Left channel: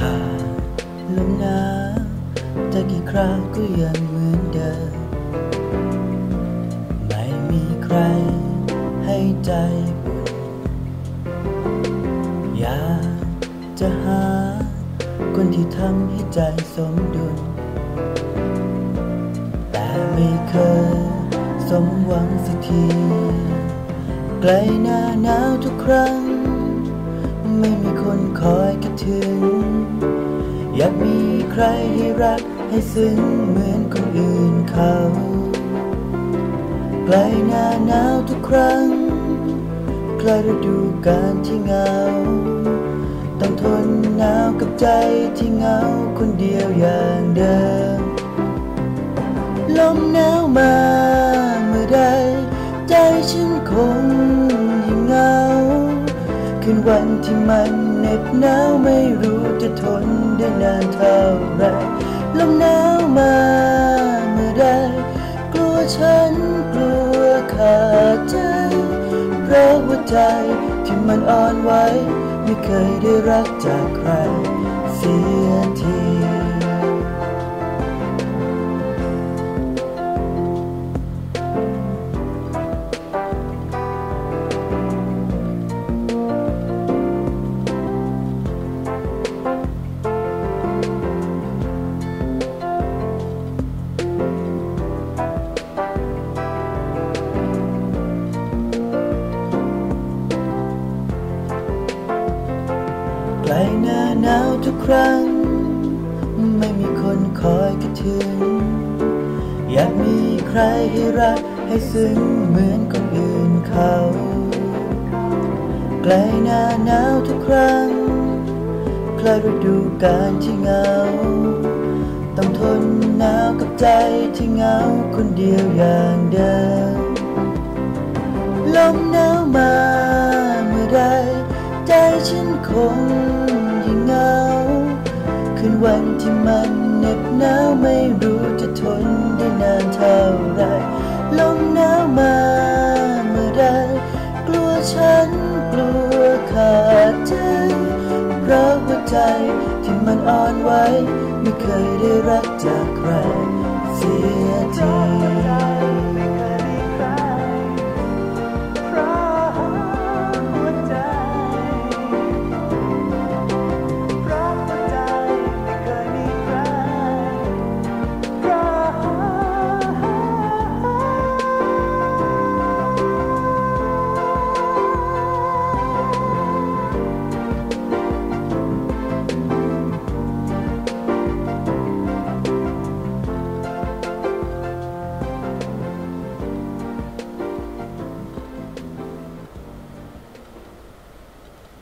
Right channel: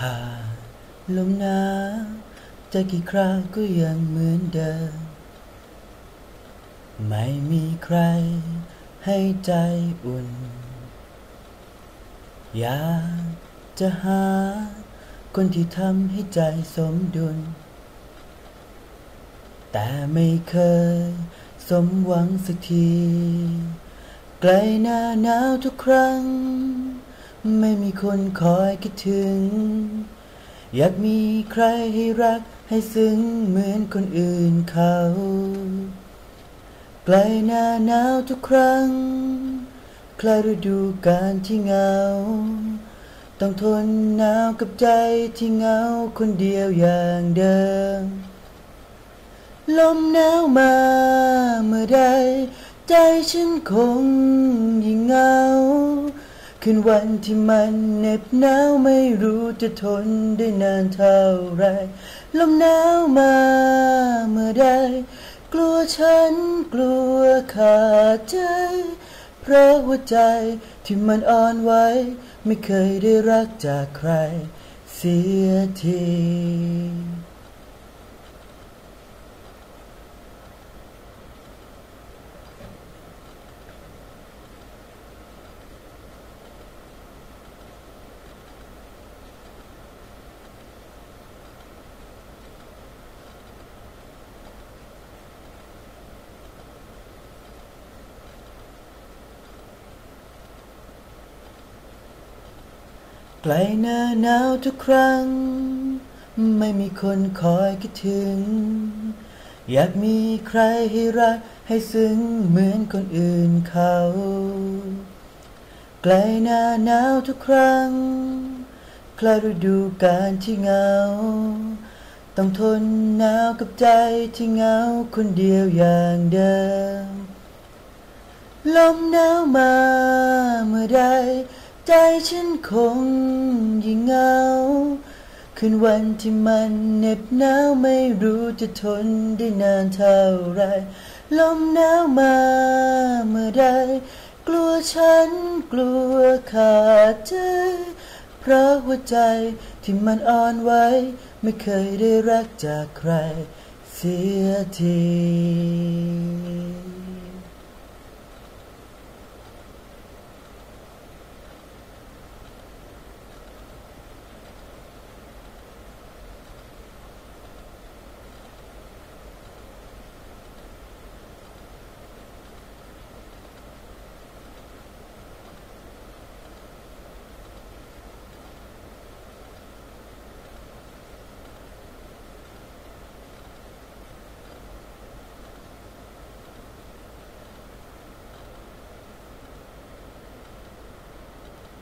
หากลมหนาวจะกี่คราวก็ยังเหมือนเดิมไม่มีใครให้ใจอุ่นอยากจะหาคนที่ทำให้ใจสมดุลแต่ไม่เคยสมหวังสักทีใกล้หน้าหนาวทุกครั้งไม่มีคนคอยคิดถึงอยากมีใครให้รักให้ซึ้งเหมือนคนอื่นเขาใกล้หน้าหนาวทุกครั้งใกล้ฤดูกาลที่เหงาต้องทนหนาวกับใจที่เหงาคนเดียวอย่างเดิมลมหนาวมาเมื่อใดใจฉันคงยิ่งเหงาคืนวันที่มันเหน็บหนาวไม่รู้จะทนได้นานเท่าไรลมหนาวมาเมื่อใดกลัวฉันกลัวขาดใจเพราะหัวใจที่มันอ่อนไหวไม่เคยได้รักจากใครเสียทีใกล้หน้าหนาวทุกครั้งไม่มีคนคอยคิดถึงอยากมีใครให้รักให้ซึ้งเหมือนคนอื่นเขาใกล้หน้าหนาวทุกครั้งใกล้ฤดูกาลที่เหงาต้องทนหนาวกับใจที่เหงาคนเดียวอย่างเดิมลมหนาวมาเมื่อใดใจฉันคงยิ่งเหงาคืนวันที่มันเหน็บหนาวไม่รู้จะทนได้นานเท่าไรลมหนาวมาเมื่อใดกลัวฉันกลัวขาดใจเพราะหัวใจที่มันอ่อนไหวไม่เคยได้รักจากใครเสียที